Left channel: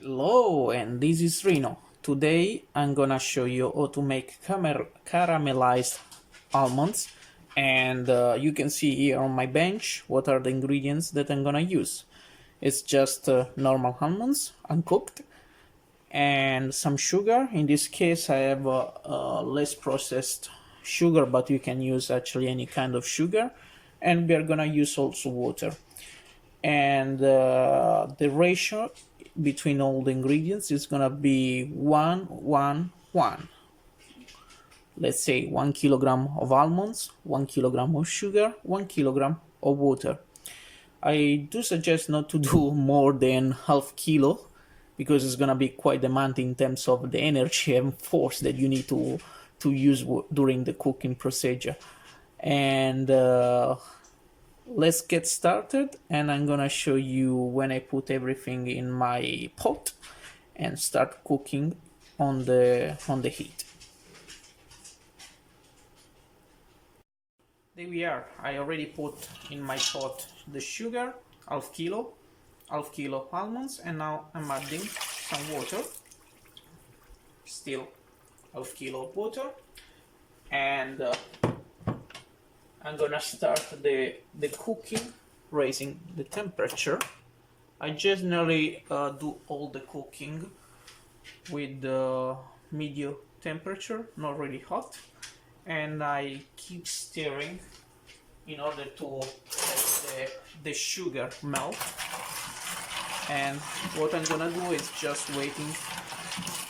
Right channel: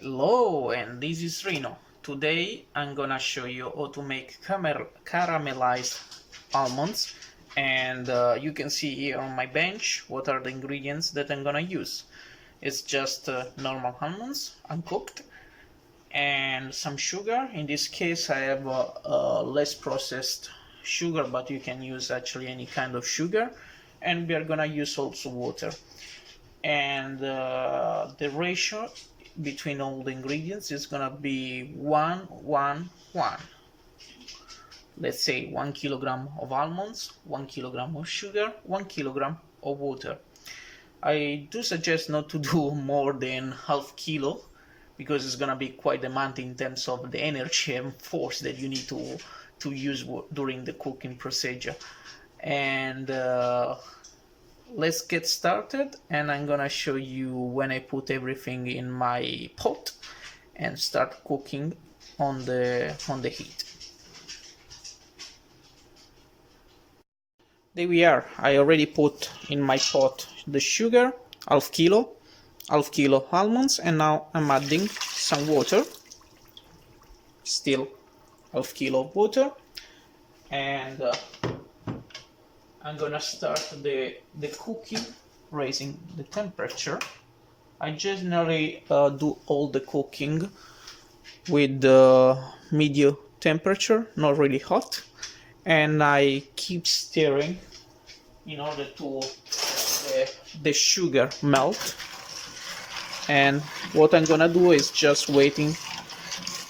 Hello, and this is Rino. Today I'm gonna show you how to make caramelized almonds, and you can see here on my bench what are the ingredients that I'm gonna use. It's just normal almonds, uncooked, and some sugar. In this case I have less processed sugar, but you can use actually any kind of sugar, and we are gonna use also water. And the ratio between all the ingredients is gonna be 1-1-1. Let's say 1 kilogram of almonds, 1 kilogram of sugar, 1 kilogram of water. I do suggest not to do more than half kilo, because it's gonna be quite demanding in terms of the energy and force that you need to use during the cooking procedure. And let's get started, and I'm gonna show you when I put everything in my pot and start cooking on the heat. There we are. I already put in my pot the sugar, half kilo almonds, and now I'm adding some water, still half kilo of water, and I'm gonna start the cooking, raising the temperature. I generally do all the cooking with the medium temperature, not really hot, and I keep stirring in order to the sugar melt. And what I'm gonna do is just waiting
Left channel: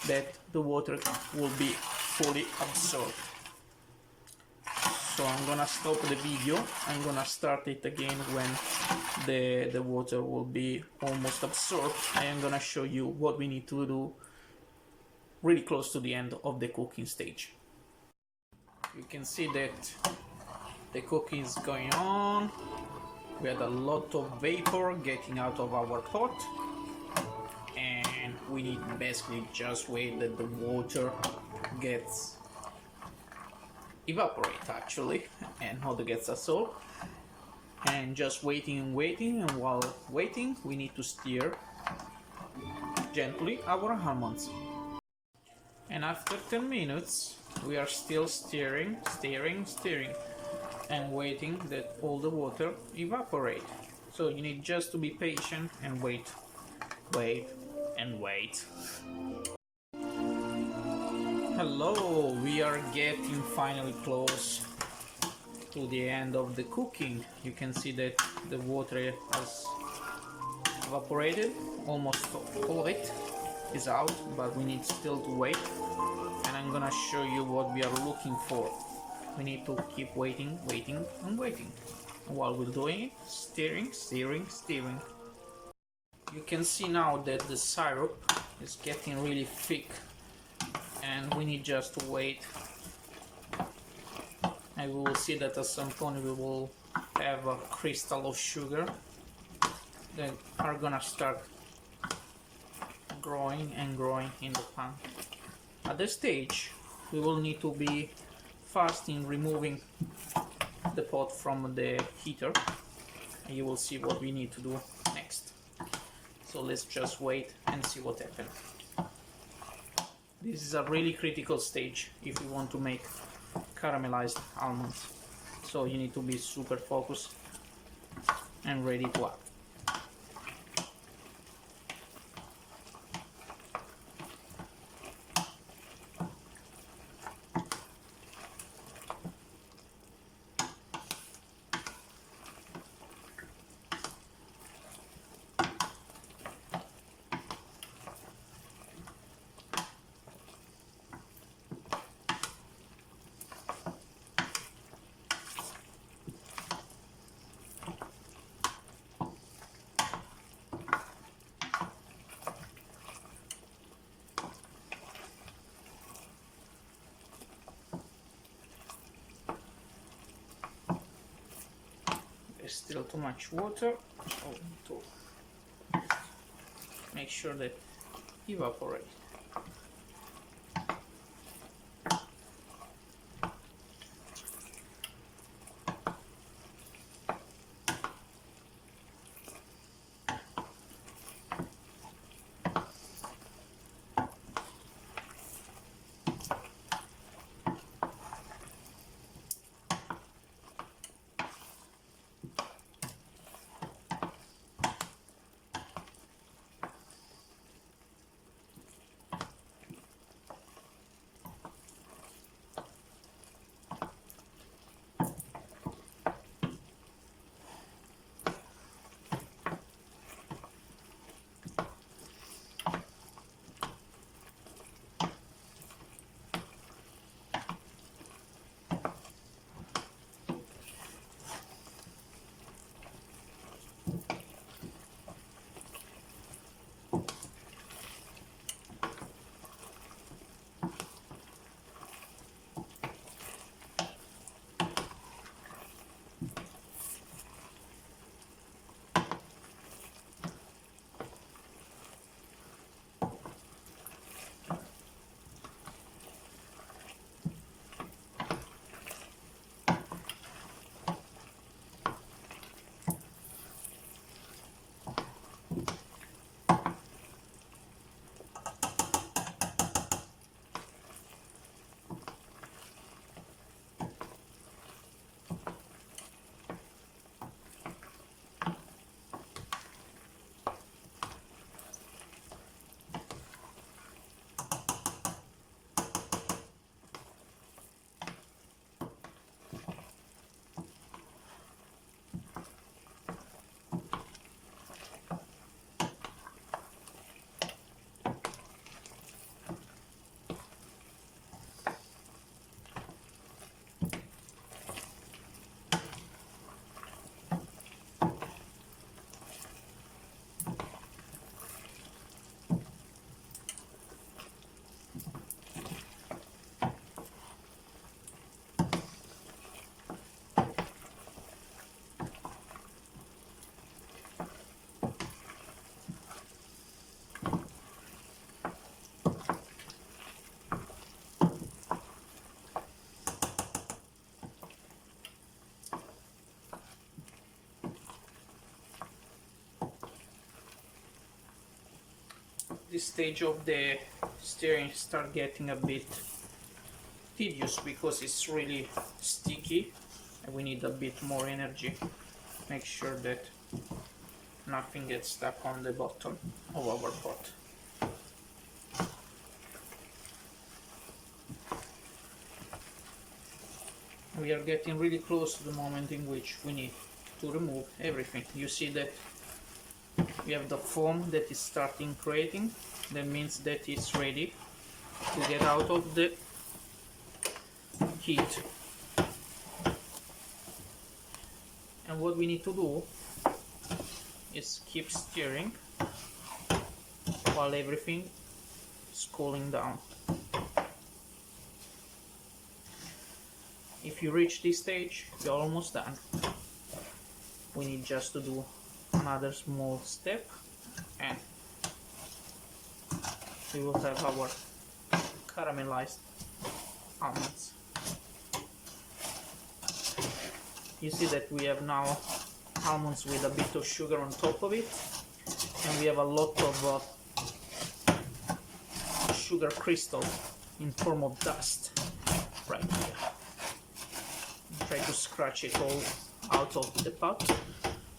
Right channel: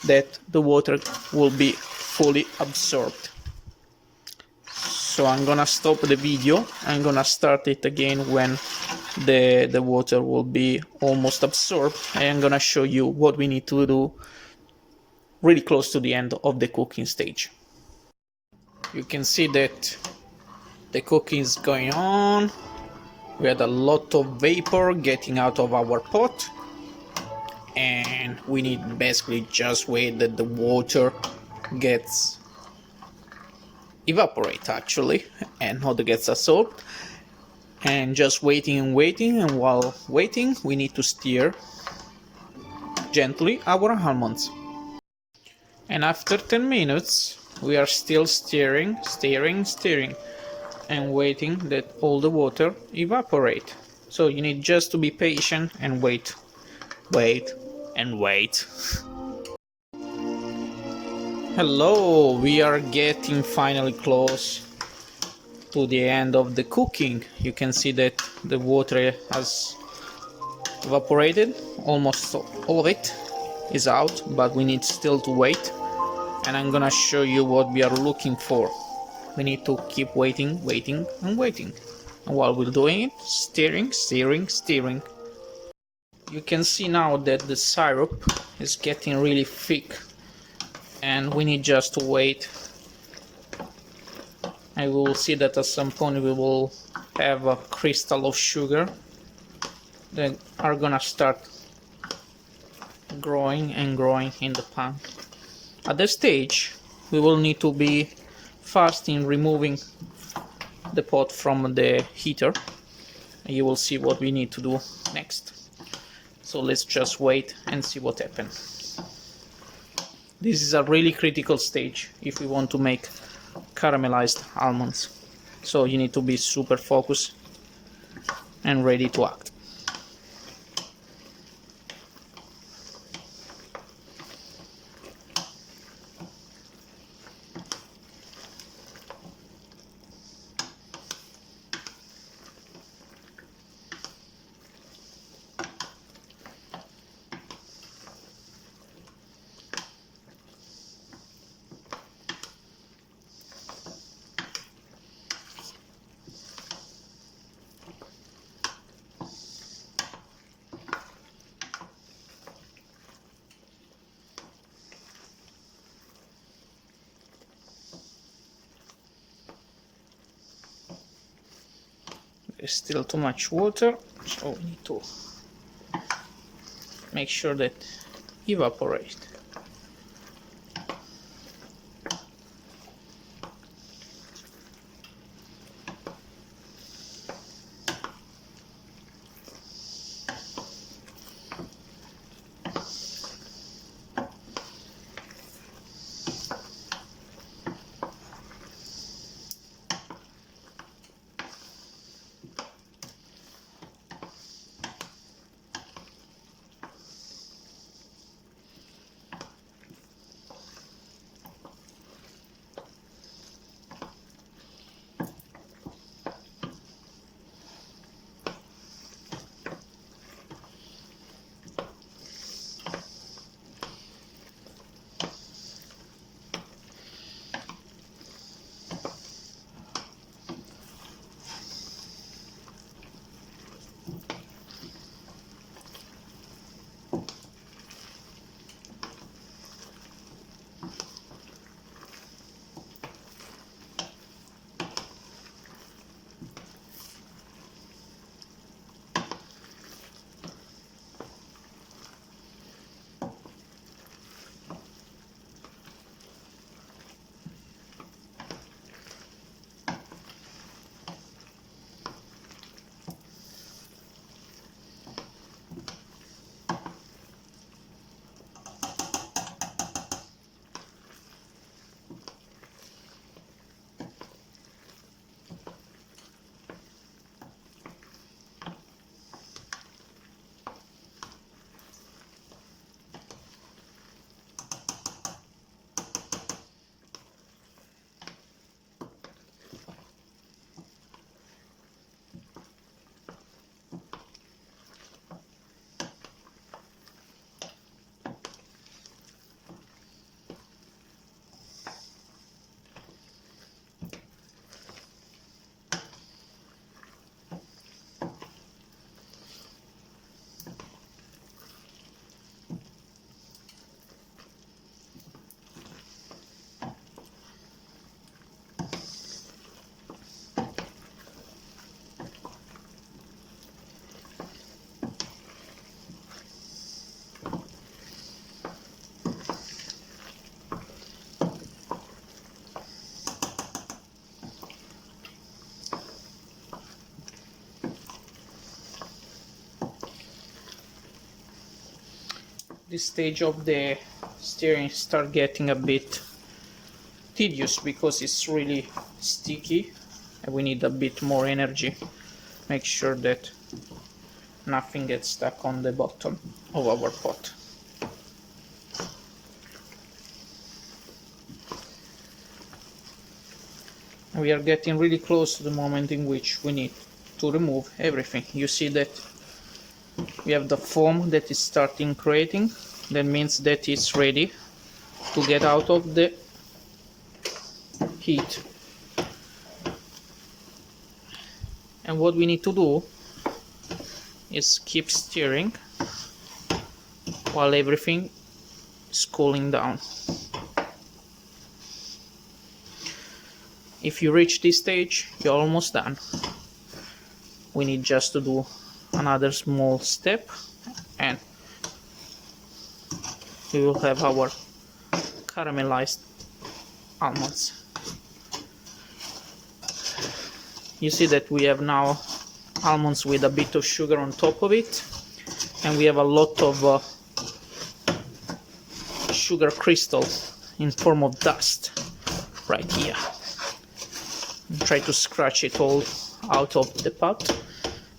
that the water will be fully absorbed. So I'm gonna stop the video. I'm gonna start it again when the water will be almost absorbed. I am gonna show you what we need to do really close to the end of the cooking stage. You can see that the cooking is going on. We had a lot of vapor getting out of our pot, and we need basically just wait that the water gets evaporate actually, and not gets absorbed, and just waiting and waiting. And while waiting, we need to stir gently our almonds. And after 10 minutes we are still stirring and waiting that all the water evaporate. So you need just to be patient and wait and wait. Hello, we are getting finally close to the end of the cooking. You can see that the water has evaporated, almost all of it is out, but we need still to wait, and I'm gonna show you what we are looking for. We need to keep waiting and waiting, and while we're doing it, stirring. You can see now that the syrup is getting really thick, and we need just to wait, and we will see that at some point we will have a crystal of sugar that are gonna start growing and growing in the pan. At this stage we will need to be fast in removing the pot from the heater, and you will see what we need to do next. So let's just wait and see what happens. This is a really critical stage if we want to make caramelized almonds, so you need to be super focused and ready to act. There's still too much water, so we need to make sure that evaporate. This stage of the stirring start getting a bit tedious because it's really sticky and we need a bit more energy. Make sure that nothing gets stuck on the bottom of our pot. We are getting really close to the moment in which we need to remove everything. You see that we have the foam that is starting creating. That means that it's ready to get out of the heat. And what we need to do is keep stirring while everything is cooling down. If you reach this stage, you're almost done. We need just to do another small step and we will have our caramelized almonds. You see that we have now almonds with a bit of sugar on top of it, and we have a lot of sugar crystals in form of dust right here. Try to scratch it all out of the pot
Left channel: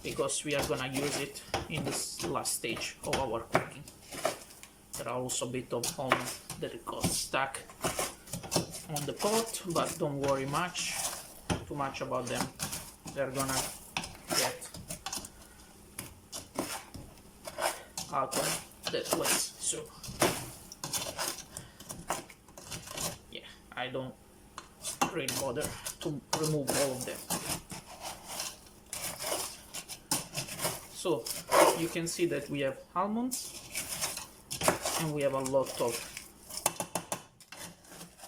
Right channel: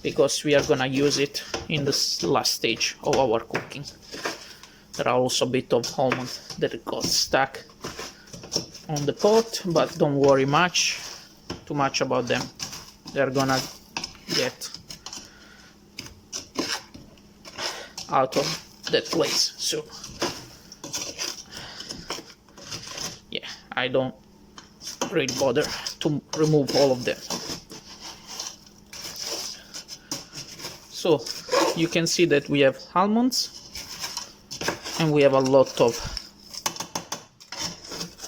because we are gonna use it in this last stage of our cooking. There are also a bit of almonds that got stuck on the pot, but don't worry too much about them. They're gonna get out of that place soon. Yeah, I don't really bother to remove all of them. So you can see that we have almonds and we have a lot of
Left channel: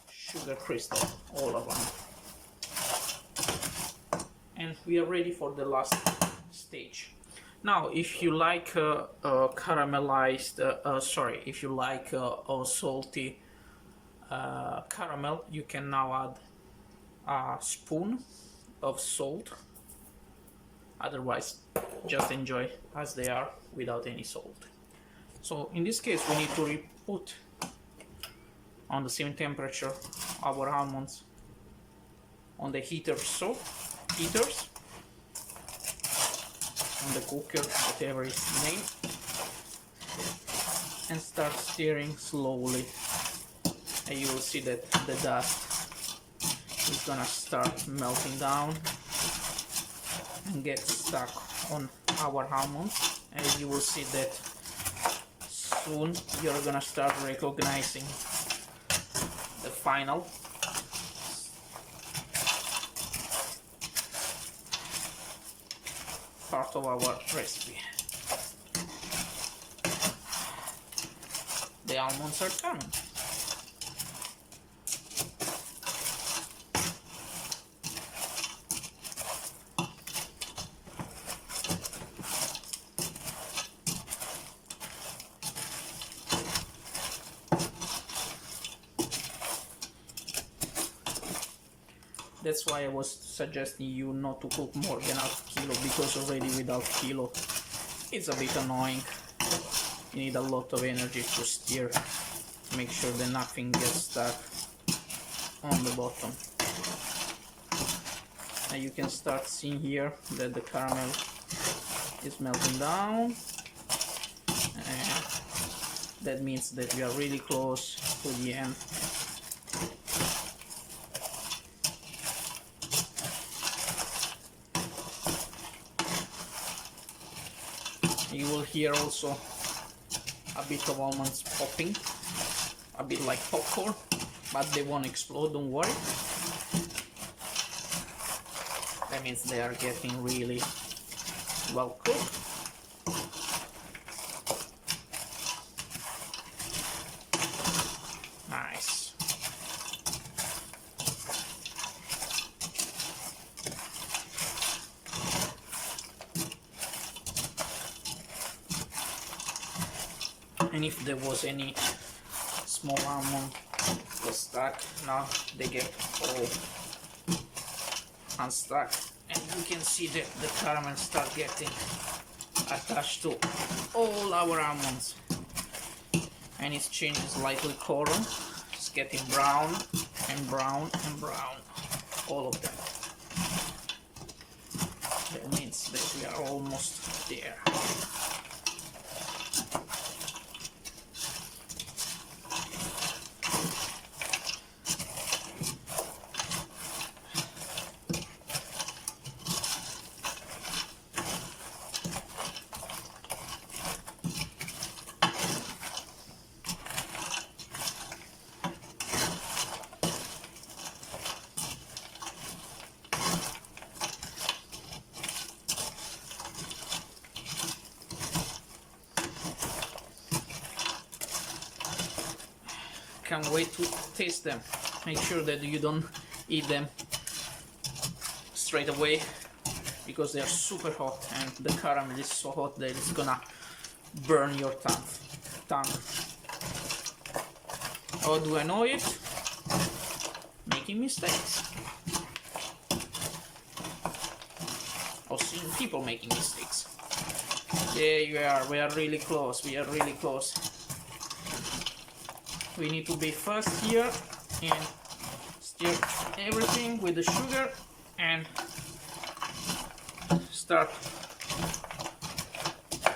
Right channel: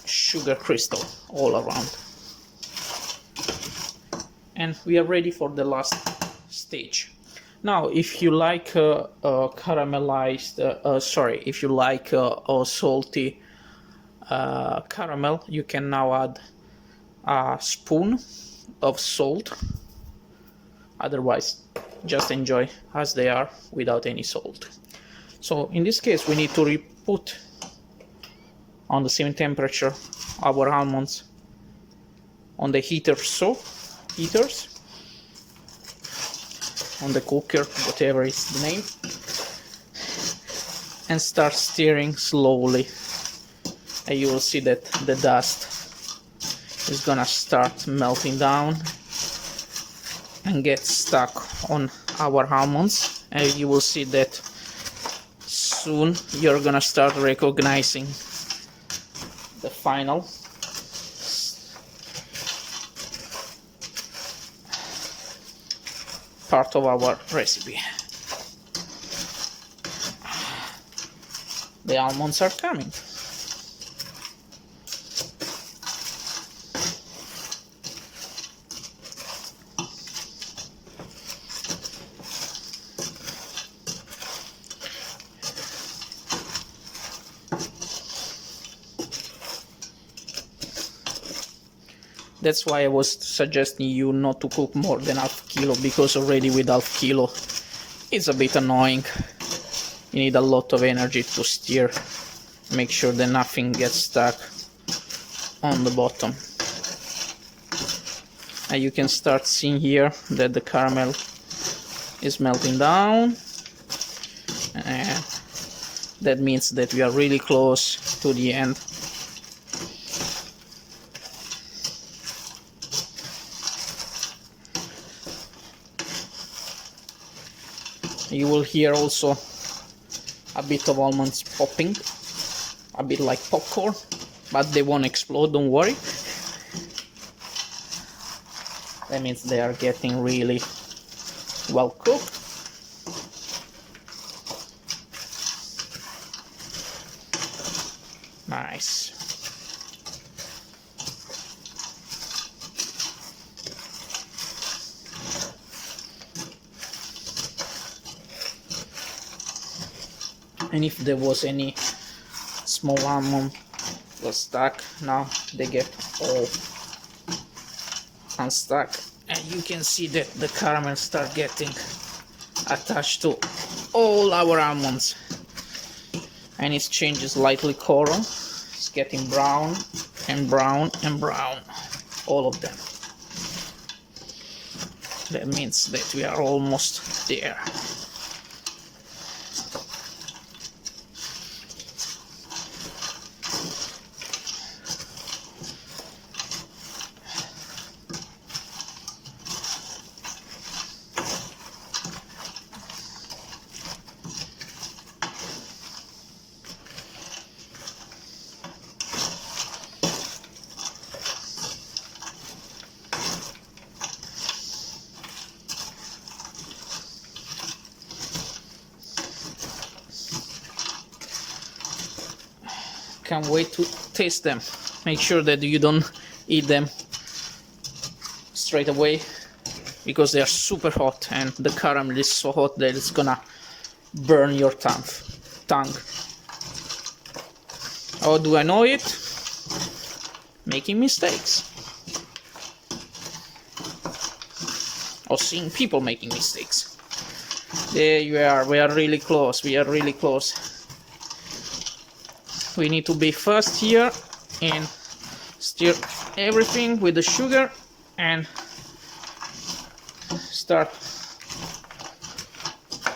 sugar crystal all around, and we are ready for the last stage. Now if you like caramelized if you like salty caramel, you can now add a spoon of salt. Otherwise, just enjoy as they are without any salt. So in this case, we need to put on the same temperature our almonds on the heaters, on the cooker, whatever is the name, and start stirring slowly. And you will see that the dust is gonna start melting down and get stuck on our almonds, and you will see that soon you're gonna start recognizing the final part of our recipe. the almonds are coming. That's why I was suggesting you not to cook more than half kilo, because already with half kilo it's a bit annoying. You need a lot of energy to stir, make sure that nothing gets stuck on the bottom. And you can start seeing here that the caramel is melting down, and that means that we are really close to the end. You will hear also a bit of almonds popping, a bit like popcorn, but they won't explode, don't worry. That means they are getting really well cooked. Nice. And if there was any small almond that stuck, now they get all unstuck, and you can see that the caramel start getting attached to all our almonds, and it changes lightly color. It's getting brown and brown and brown, all of them. That means that we are almost there. Can't wait to taste them. Make sure that you don't eat them straight away, because they are super hot and the caramel is so hot that it's gonna burn your tongue. How do I know it? Making mistakes. Or seeing people making mistakes. There you are, we are really close, we are really close. We need to be fast here and stir everything with the sugar and start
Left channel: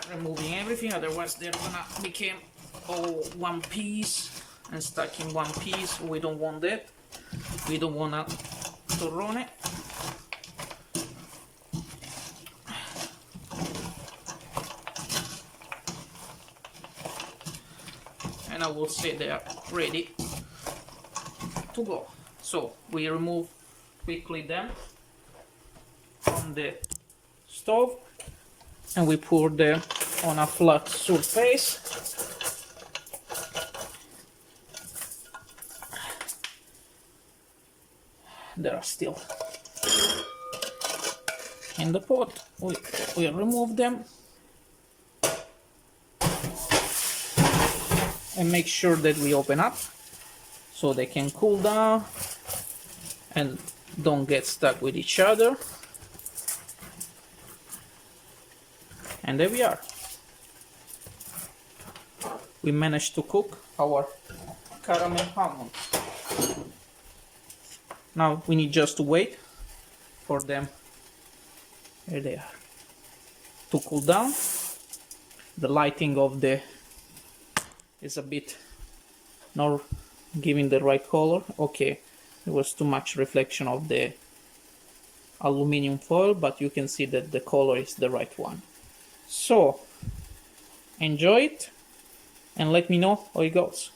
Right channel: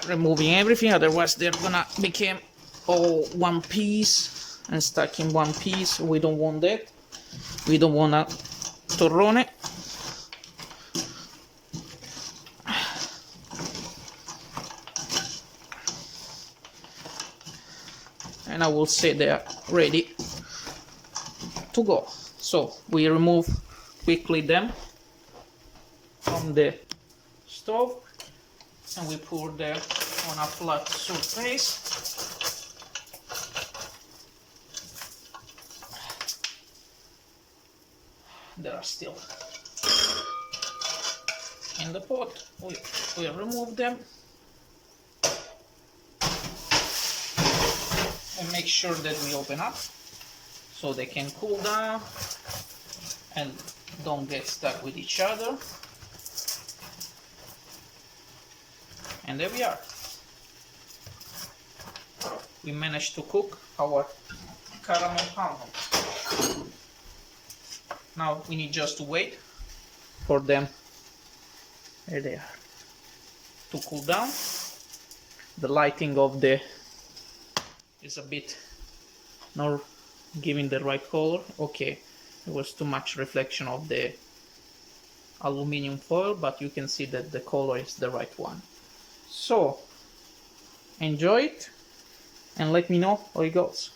removing everything, otherwise they're gonna become all one piece and stuck in one piece. We don't want that. We don't want a torrone. And I will say they are ready to go. So we remove quickly them from the stove and we pour them on a flat surface. They are still in the pot. We remove them and make sure that we open up so they can cool down and don't get stuck with each other. And there we are. We managed to cook our caramel almonds. Now we need just to wait for them, there they are, to cool down. The lighting of the is a bit not giving the right color. Okay, there was too much reflection of the aluminum foil, but you can see that the color is the right one. So enjoy it and let me know how it goes.